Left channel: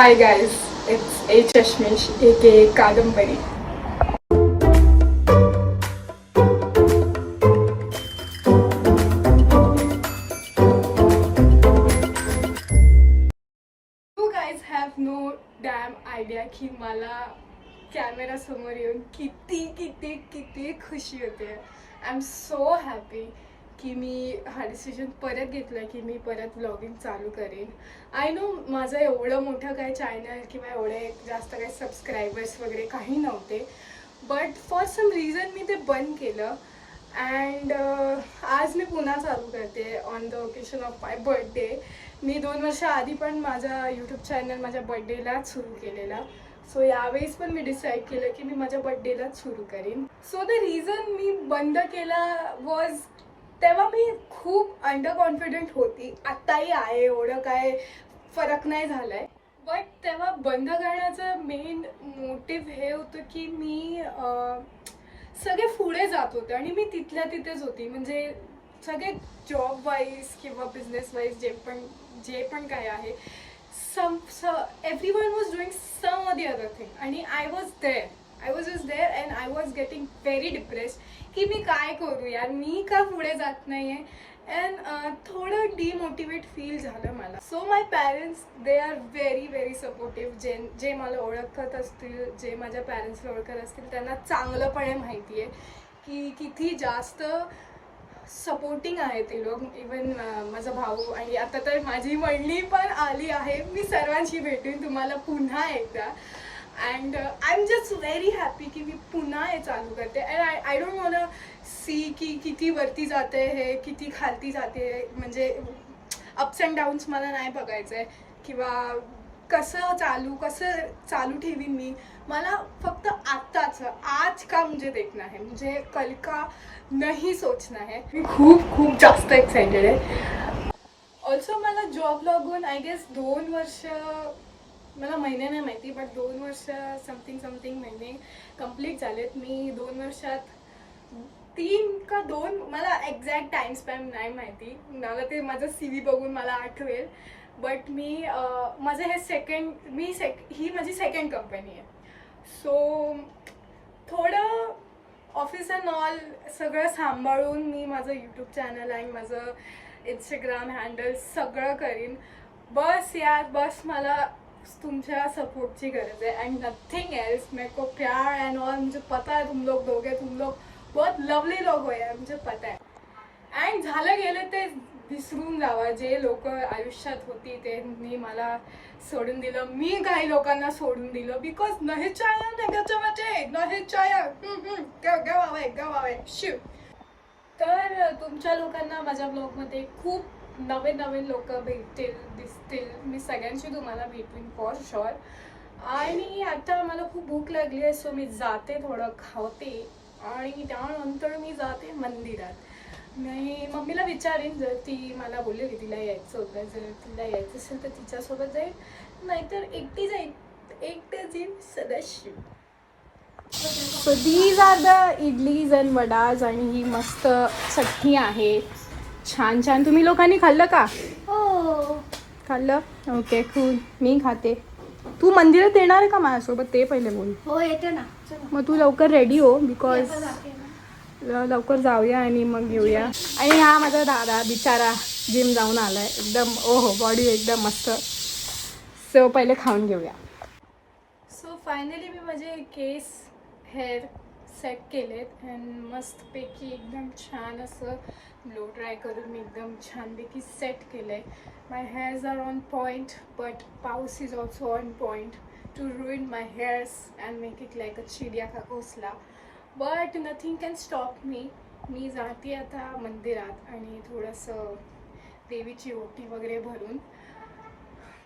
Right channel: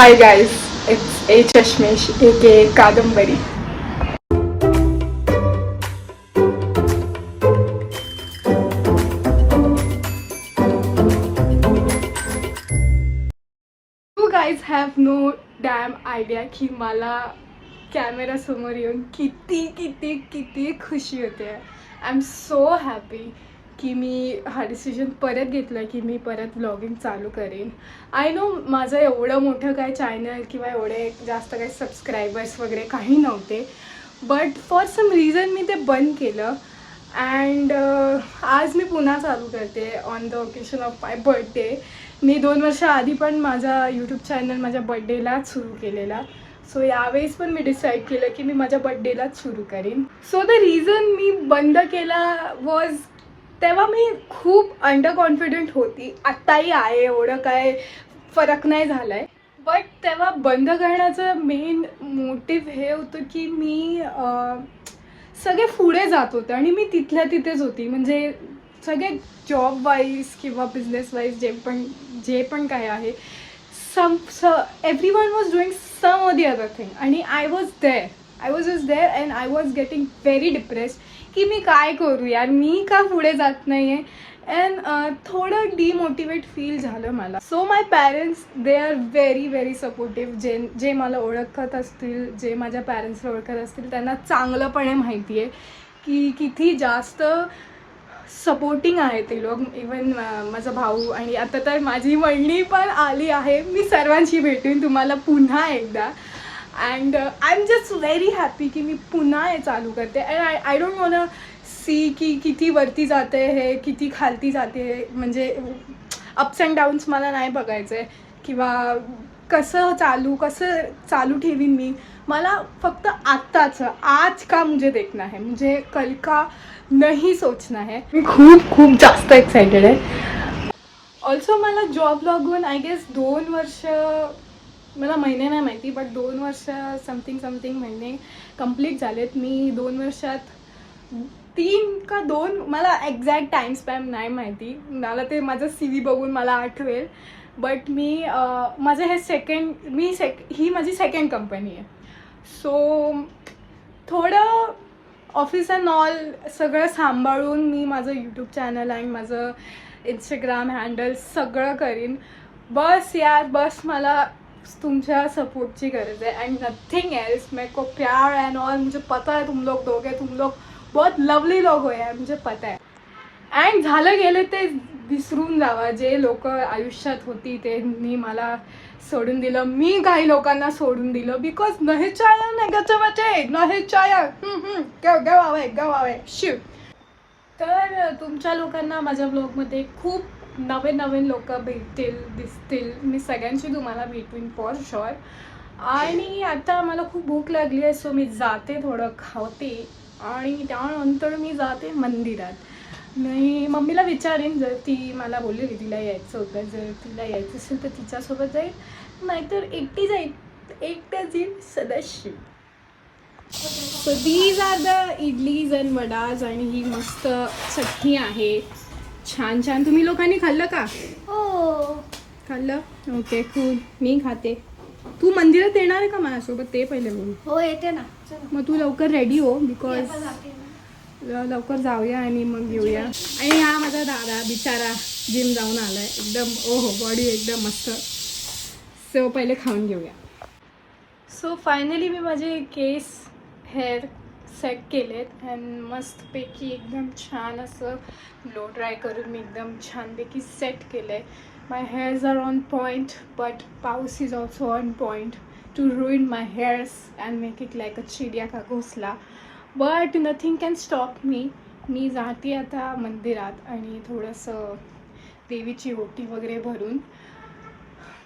Hi guys, it's A Chashmesh aka Kadambari. You guys have no damn idea की मला camera समोर येऊन किती किती किती खुशी होते. आय एम सो हॅपी की मी हा डिसिजन परत घेतला की मी परत व्लॉगिंग चालू करेन. आय नो माझं एवढं मोठं काय चॅनल किंवा एवढे जास्त काही सबस्क्रायबर्स वगैरे काही नव्हते, बट फॉर सम रिझन मी ते बंद केलं. अँड आज मी पुन्हा चालू करते on the occasion of my birthday. मी 2 वर्ष आधी पण माझा यूट्यूब चॅनल माझ्या बर्थडेलाच सुरू केलेला. सो यावेळेस पण मी डिसाईड केलं की मी माझ्या बर्थडेलाच सुरू करीन. सो द रिझन मी बंद केला वॉज, तेव्हा मी खूप अंडर कॉन्फिडंट होती. आत्ताही आहे, एवढं काय फरक नाही झाला आहे. बट तेव्हा बंद करण्याचं मेन मोटिव्ह हे होतं की मी सगळे पुढे जात होते आणि मी तिथल्या तिथेच होती. म्हणजे सगळे जॉब वाईज किंवा बिझनेस वाईज जे पण काय आहे, everyone was doing some or the other thing आणि I was just there and I was getting very depressed की मी काय करू यार, मी का पुढे जात नाही आहे. अँड थोडं डिमोटिवेट फील झालं मला. So my parents they are very very supportive. जे मला ओळखत असतील, जे माझ्या पॅरेंट्सला ओळखत असतील, त्यांना चांगलंपणे माहिती आहे की किती जास्त सपोर्टिंग आहे ते लोक. इवन माझा भाऊ आणि आता तर माझी मंडळी पण आली आहे. मी सर्वांशी भेटून तुम्हाला पुन्हा एकदा. And I am just very happy की मी पुन्हा हे चालू करते. And I don't want see की किती वरती जाते हे, किती खालती जाते. म्हणजे अप्स अँड डाऊन्स मला नाही बघायचं आहे किंवा कसं चालू ठेवीन मी. मला फक्त आत्ताचं आज का मुझे देखना है, मुझे कल का नहीं सोचना है. मी खूप खूप जास्त एक्सायटेड आहे. ऑल्सो मला जॉब लागून आय गेस 2 वर्ष, मला महिने नाही माहिती, बट 2 वर्ष समथिंग महिने कंप्लीट झालेत. मी 2 वर्षात 3 का 2, मला एक्झॅक्ट टाईम स्पॅम नाही माहिती. मला ते माझं CV बघून मला आठवेल. बट मी माझं हे ही माझी सेकंड कंपनी आहे. सो थोडं ऑफिस अँड ऑल सगळं सांभाळून मी माझं यूट्यूब चॅनल आणि माझं इंस्टाग्राम हँडल सगळं करीन. बस यार, बस मला तुमच्या सपोर्टची गरज आहे अँड नथिंग एल्स. मेरे को प्यार एंड ऑल मुझे पता है तुम लोग दोगे. तुम लोग बहुत लवली लोग हो यार, मुझे पता है. अँड झालं गेलं ते विसरून जावा. जे लोक आयुष्यात होती त्यांनी मला सोडून दिलं, मी काही लोकांना सोडून दिलं. बिकॉज नाही चाया नेगेटिव्हिटी, नाही चाया गवावे शिव. तर तुमच्या लोकांना माझ्या ब्लॉगमध्ये खूप नवीन लोक भेटतील, दिसतील. मी सगळ्यांशी तुम्हाला भेटवीन फॉर शुअर. आणि आता मला खूप भूक लागली आहे, सो मी जाते, थोडं खावते आणि त्यानंतर मी जाते मंदिरात. मी मम्मीला विचारेन, जर ती मला बोललेली तिला यायचं होतं, जर तिला यायचं असेल तर तिच्यासोबत जाईल, नाहीतर एकटी जाईल. एकट्याच येईल Sadashiv. So these are the idlis and vadas आणि ही मस्त चटणी आहे. छान छान. तुम्ही लोकांनी खाल्लं का? हो खाल्लं? Okay cool. मी खाते. तू मंदिरात येणार आहे का माझ्यासोबत, ते पहिले बोल. हो येते ना. मग तू लवकर रेडी हो, बिकॉज लवकर जाऊया आणि मग येऊया. आणि हा माझा दादा बिचारा जिम जाऊन आलाय, एकदम ओहो बॉडी एकदम मस्त. सो पहिले खाऊन घेऊया. सो फायनली मी माझे केस हेअर सेट केलेत अँड मस्तपैकी एकदम छान असं लो ड्राय करून मी एकदम छानपैकी सेट केलं आहे. My hairs are on point, but पाऊस is also on point to ruin my hairs and make it like a चिडिया का घोसला. But nothing can stop me. मी जाते आता मंदिरात आणि थोडंसं देवीची ओटी वगैरे भरून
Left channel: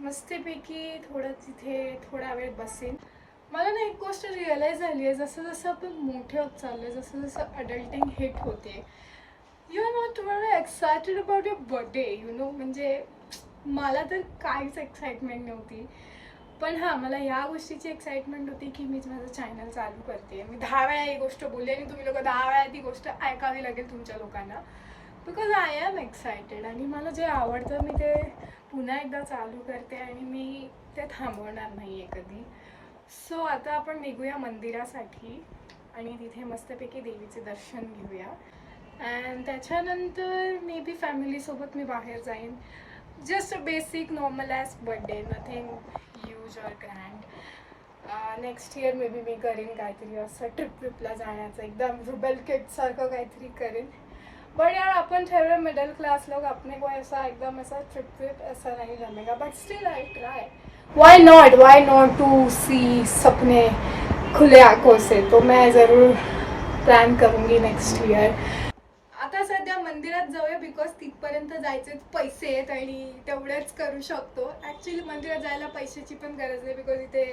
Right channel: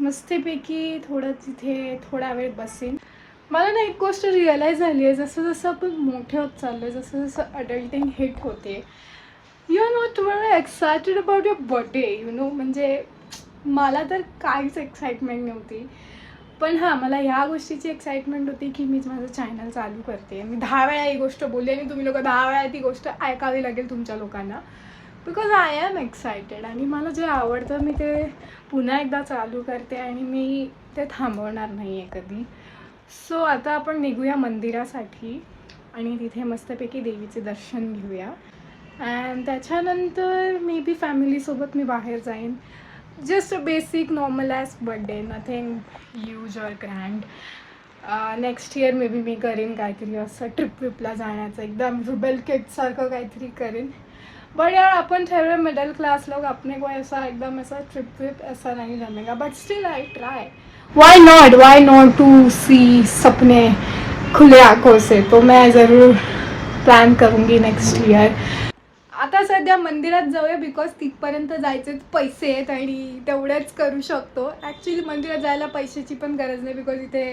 मस्तपैकी थोडं तिथे थोडा वेळ बसेन. मला ना एक गोष्ट रिअलाईज झाली आहे, जसं जसं आपण मोठे होत चाललो आहे, जसं जसं अडल्टिंग हिट होते, you are not very excited about your birthday. You know, म्हणजे मला तर काहीच एक्साइटमेंट नव्हती. पण हां, मला ह्या गोष्टीची एक्साइटमेंट होती की मी माझं चॅनल चालू करते. मी 10 वेळा ही गोष्ट बोलली आणि तुम्ही लोक 10 वेळा ती गोष्ट ऐकावी लागेल तुमच्या लोकांना. बिकॉज आय एम एक्सायटेड आणि मला जे आवडतं मी ते पुन्हा एकदा चालू करते आणि मी ते थांबवणार नाही आहे कधी. सो आता आपण निघूया मंदिरासाठी आणि तिथे मस्तपैकी देवीचे दर्शन घेऊया. अँड त्याच्यानंतर मे बी फॅमिलीसोबत मी बाहेर जाईन. Just basic normal as birthday, nothing huge or grand. Next year may be मी करेन काहीतरी असं ट्रिप विपला जाण्याचं, एकदम रुबेल किड्ससारखं काहीतरी करेन. बट यार अपन ठहरे मिडिल क्लास लोग, अपने को ऐसा एकदम ऐसा ट्रिप विप ऐसा नहीं जमेगा. But still I try. Why not to see सपने खुले आंखों से. तो मैं ज़रूर प्लॅन करूँगी नेक्स्ट ईयर. आता सध्या मंदिरात जाऊया बिकॉज तिथपर्यंत जायचेच पैसे आहेत आणि तेवढेच करू शकतो. ॲक्च्युली मंदिरात जायला पैशाची पण गरज नाही बिकॉज इथे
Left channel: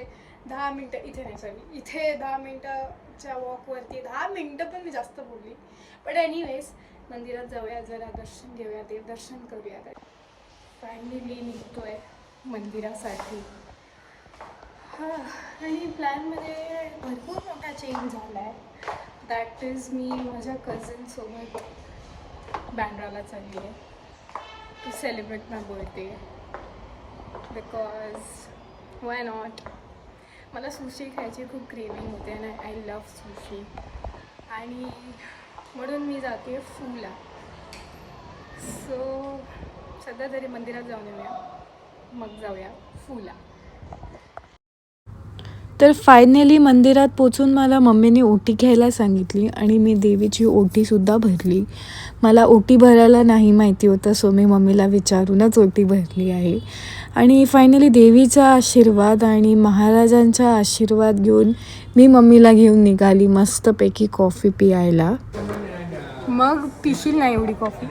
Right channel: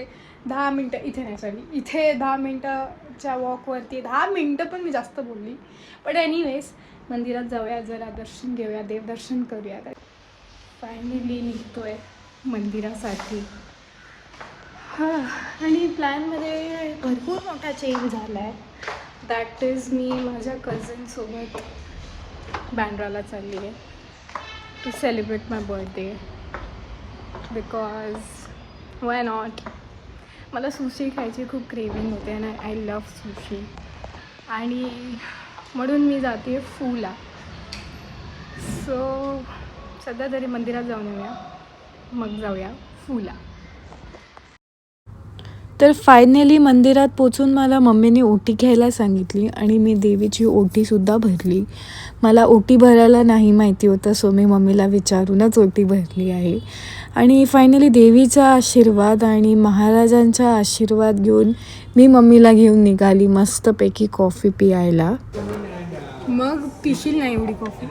10 मिनटं, इथे नाही सॉरी, इथे 10 मिनटाच्या वॉकवरती 10 मिनटं पण मी जास्त बोलली. बट एनिवेज मंदिरात जाऊया, जरा दर्शन घेऊया, देवदर्शन करूया. फायनली निघतोय मंदिरासाठी. हां, आणि प्लॅनमध्ये भरपूर मोठा चेंज झाला आहे. दॅट इज मी माझ्या कझनसोबत बँड्राला चालली आहे to celebrate my birthday. Because why not. मला सुशी खायची खूप क्रेविंग होते आणि आय लव्ह सुशी आणि म्हणून मी जाते फूला. सो सध्या तरी मंदिरात जाऊन येऊया, मग जाऊया फूला. तर फायनली मंदिरात पोचून मला मम्मीने ओटी घ्यायला सांगितली आणि मी देवीची ओटीसुद्धा भरली. मला ओटी भरायला नाही माहिती होतं, सो मी मम्मीला विचारूनच ओटी भरली आहे. आणि फायनली देवीचा आशीर्वाद आणि महाराजांचा आशीर्वाद घेऊन मी मम्मीला घेऊन निघाली मस्तपैकी कॉफी पियायला. मग पिशील नाही एवढी कॉफी?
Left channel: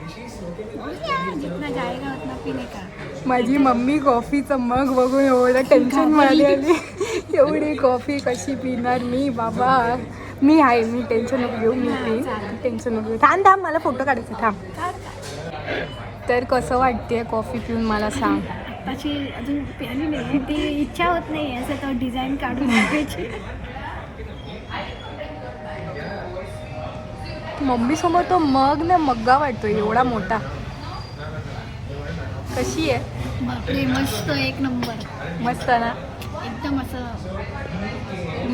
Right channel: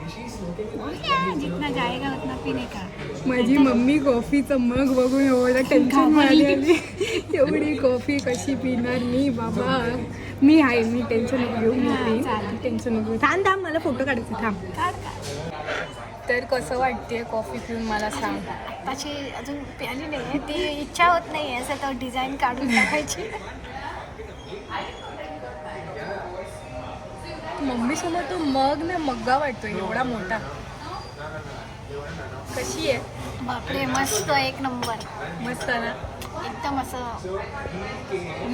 जितना जाएगा उतना पीने का. माझी मम्मी कॉफीचं मग बघून एवढं टेन्शन मध्ये आली. एवढी कॉफी कशी पिणार मी बाबा? मी आहे, मी टेन्शन नको घेऊ, मी पिईन, टेन्शन नको घेऊ. थांब थांब, मला फोटो काढायचे, थांब. तर कसं वाटते कॉफी पिऊन मला सांग. अशी अजून प्याली नाही, ती इच्छा होत नाही असं तो डिझाईन काढून टाकायची. मम्मीसोबत तो मग ना मग्गा वाटतो एवढा मोठा. कशी आहे? बापरे मस्त, एक नंबर. मस्त ना, एकदम असं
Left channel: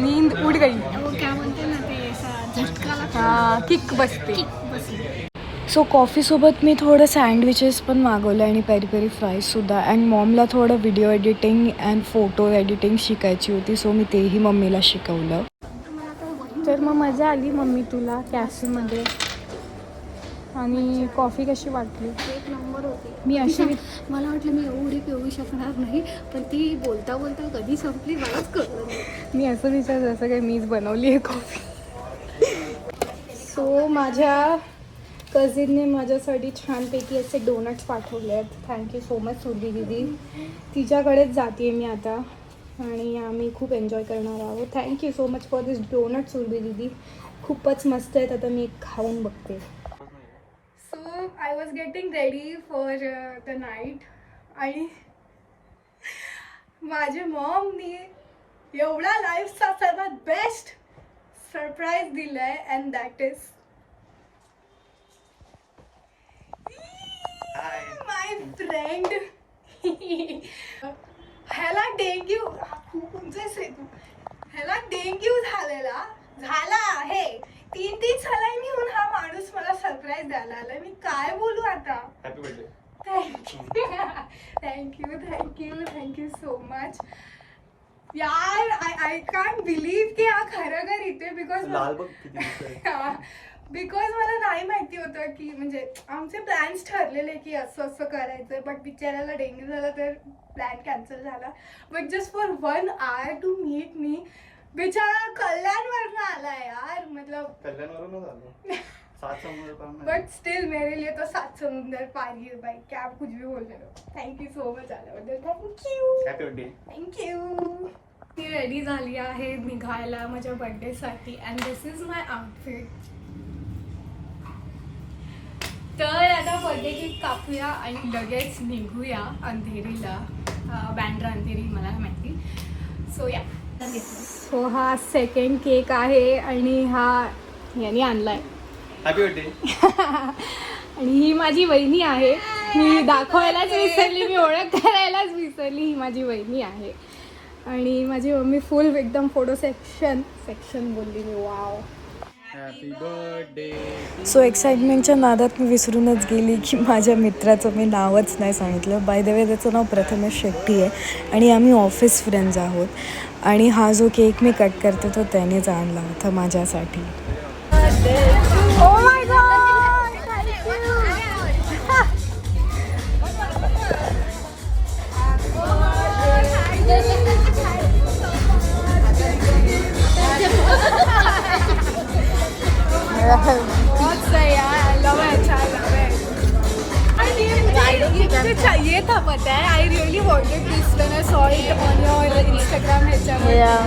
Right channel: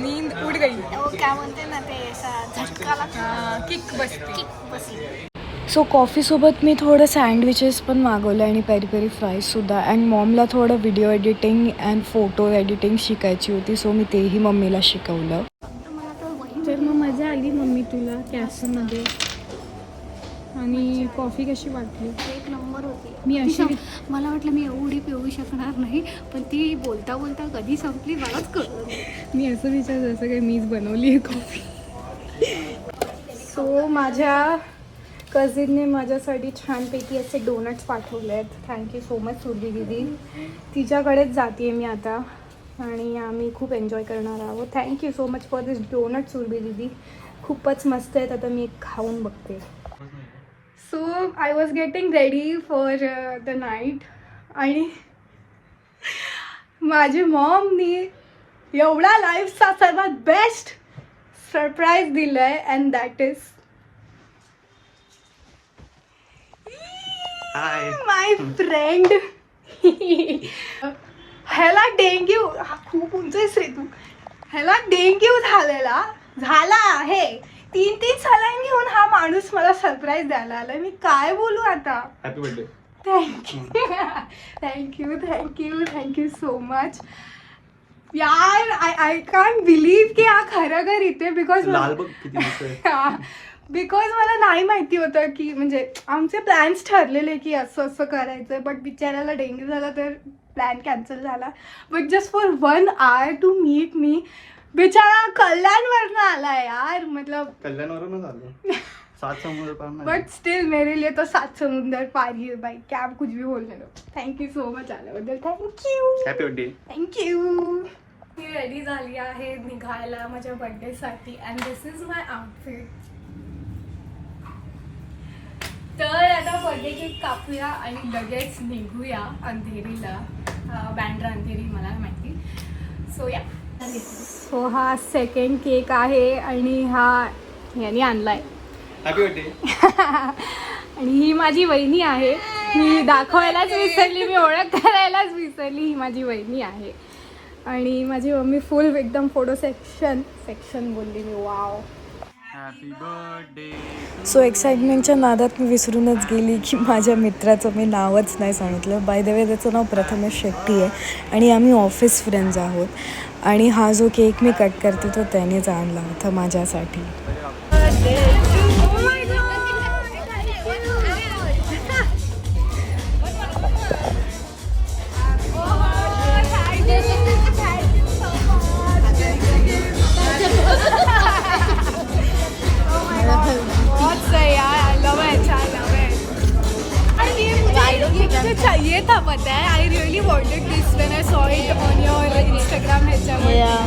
नींद उड गई. काय म्हणते ना ते, असा झटका लागला, किक बसते. किक बसली. सो कॉफीसोबत मी थोडं सँडविचेस पण मागवलं आणि पेरी पेरी फ्राईजसुद्धा. अँड मॉमला थोडं video editing and photo editing शिकायची होती, सो मी तेही मम्मीला शिकवलं. तर मग मजा आली मम्मी तुला कॅफेमध्ये? आणि कॉफी कशी वाटली? एक नंबर होती. मी अशी मला वाटलं मी एवढी पिऊ शकणार नाही, पण ती बोलता बोलता कधी संपली मलाच कळलं नाही. मी असं विचार जसं काही मीच बनवली आहे कॉफी. सो माझ्या कझिनने माझ्यासाठी छानपैकी असे डोनट्स पाठवले आहेत. थँक्यू सो मच सुरभी दीदी. तिच्याकडेच जाते मी आता आणि आम्ही खूप एन्जॉय करणार आहोत. Thank you so much for this donut Surabhi दीदी. खूपच मस्त आहेत. आता मी खाऊन बघते. So I was getting ready for the night आणि माझी मॉमनी एवढा लाईफचा सर्वात बेस्ट सरप्राईज दिलं आहे and that is my friend. ह्याला डेंग्यू, खूप उंच आहेस रे तू. ह्याला डेंग्यू झाला आहे. 3 सलाईन घेऊन हा माणूस मला सरप्राईज द्यायला आलाय. मी काय बोलू आता? Happy birthday. Thank you so much यार. आय कांट बिलीव्ह की हा खरं इथे. बिकॉज बिकॉज मला नाही माहिती होतं की म्हणजे आमचे प्लॅन्स ठरलेले की असं असं करायचं, बट बिचाऱ्याला डेंग्यू झाला तर प्लॅन कॅन्सल झाला. But just for 1 hour to meet me. बेचारा कल्याणवरनं आला यार, मतलब कल्याणवरूनच आलो. 7 समुद्र पार. बट स्टिल मेरे लिए तो 7 समुंदर पार ही है भाई. क्या आप कुछ भी बोलने दो. थँक्यू सो मच आल्याबद्दल. थँक्यू. Happy birthday. थँक्यू. मी रेडी झाली आहे निघायला माझ्या बर्थडेसाठी and this is my outfit. तर आता बर्थडे केक कापूया आणि लगेच निघूया अंधेरीला. बँड्रा अंधेरी मला माहिती. सो या. सो हा सेकंड केक आहे आणि हा याने आणलाय. Happy birthday. आणि ही माझी वहिनी आहे. मी दाखवायलाच विसरली, मी ओळख करायलाच विसरली. ही माझी वहिनी आहे. आणि माझी मम्मी फुल एकदम फोटो सेक्शन बोलली मी. वाव. Happy birthday. सो एक्साइटमेंटच्या नादात मी विसरूनच गेली की माझ्या मित्राचं मी नावच नाही सांगितलं. बाय द वे त्याचं नाव प्रथमेश शेट्टी आहे आणि आम्ही ऑफिस फ्रेंड्स आहोत. आणि हा जो केक मी कट करते तो त्यानेच आणला होता माझ्यासाठी. Oh my God. बहुत सही यार. I love it. I love it. और ये मुझे चाहिए था, पता है. I really wanted this when I saw it on your Instagram page. Yeah.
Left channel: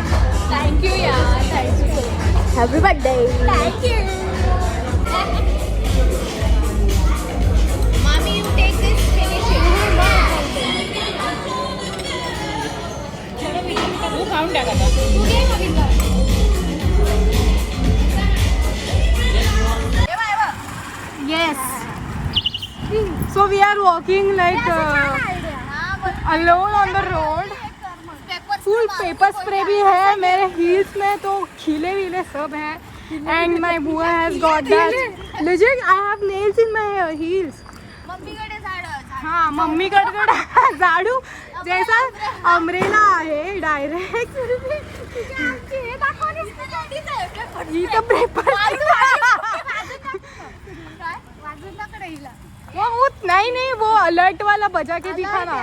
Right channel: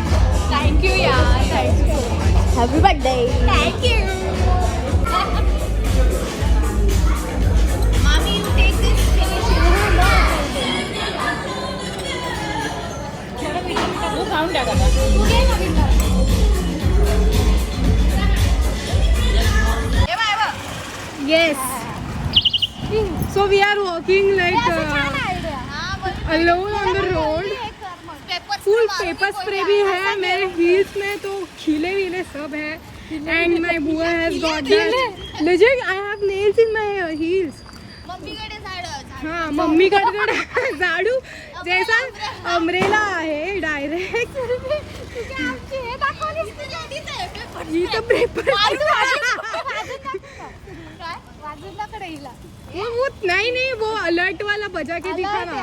Thank you यार. Thank you so much. Happy birthday. Thank you. Mommy, you take this. तू खाऊन टाका. तू घे ना बिंदा. Yes. So we are walking like alone on the road. Full paper spray भी है मेरे heels में, तो खिले विले सब है. And my बुआ has got that. Legit, I have nails in my heels. हाँ, मम्मीकडे झाडू जैसा अमरेला आहे डायरेक्ट. ही तर पेपर वो नहीं वो अलर्ट वाला बजा के दिखा ना.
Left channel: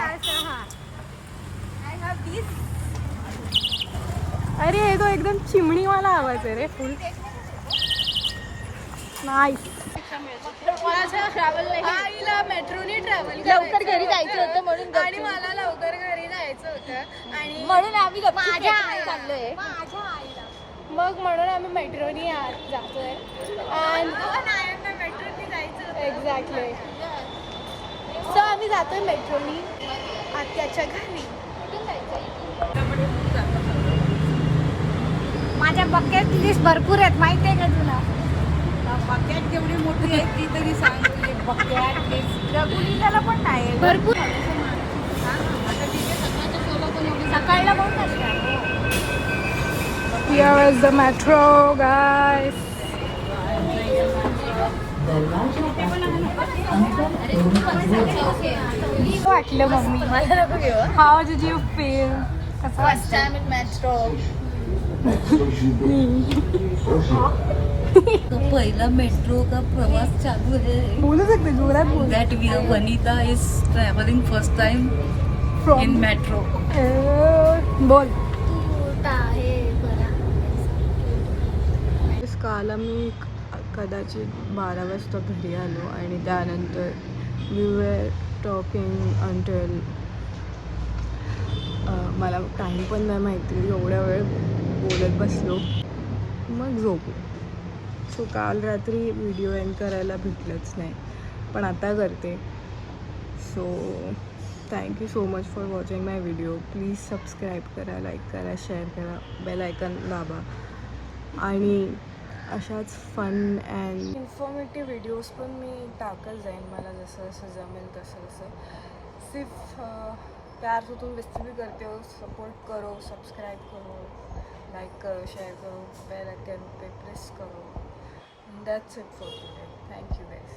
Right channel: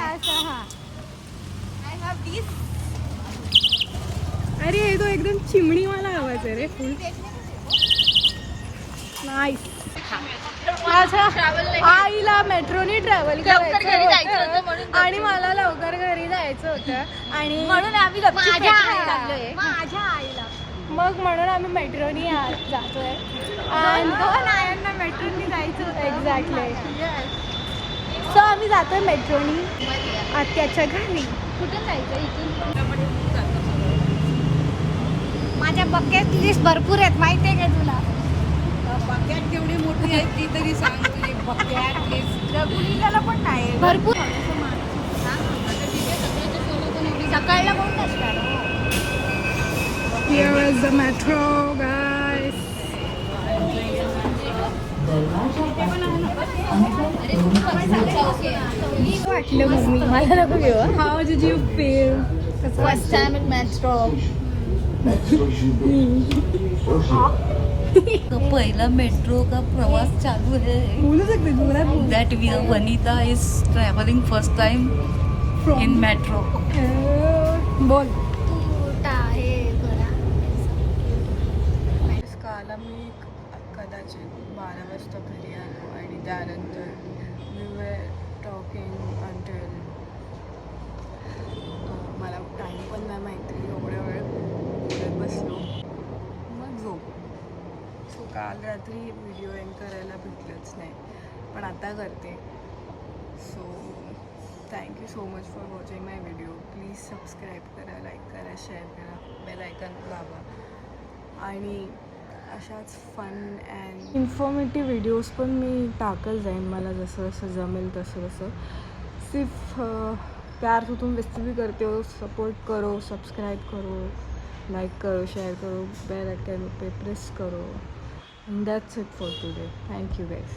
अरे ये तो एकदम चिमणी वाला आवाज आहे रे. फुल नाईस. माझ्या आईला मेट्रोनी ट्रॅव्हल करायचं आणि मला लवकर घरी जायचं होतं आणि म्हणून आम्ही मग म्हणून आम्ही मेट्रोनी जातोय. आणि नायांना मेट्रोनी जायचं होतं. एक्झॅक्टली. सो आम्ही जातोय मेट्रोनी आत्याच्या घरी. माझ्या बकेट लिस्ट भरपूर आहेत, माहिती आहे का तुला? बकेट जेवढी मोठी आहे ती तरी सांगते. बकेट लिस्ट रघुलीला पण नाही भरपूर. सकाळला कोण असणार? Here is the metro, guys. वाटलं मम्मी मला नको घेऊ. How did you feel? कसं First time in metro. पहिला मेट्रो का प्रवास चालू है. बोलू शकते जोरात बोल. That we are Vanita is traveling first time in metro. बोल. काल मी कदाचित 12 वाजता घरी आलो आणि त्यानंतर वी वर टॉकिंग अंटिल मला टाईम पण नाही माहिती. एवढ्या वेळ बोलत बसलो मग झोपलो. सो काल रात्री व्हिडिओ एंड करायला भेटलंच नाही पण आता करते. So thank you so much for watching my video. Please subscribe करा, लाईक करा, शेअर करा, बेल आयकन दाबा आणि अशाच फन अँड इन्फॉर्मेटिव्ह व्हिडिओज पण मी टाकत जाईन मला जसं जसं जमेल तसं तसं. सिर्फ प्यार से तुम रेसिपी करते हो, सपोर्ट करो, सब्सक्राइब करो, लाइक करो, शेयर करो, बेल आइकन पे प्रेस करो. End that's it for today. Thank you guys.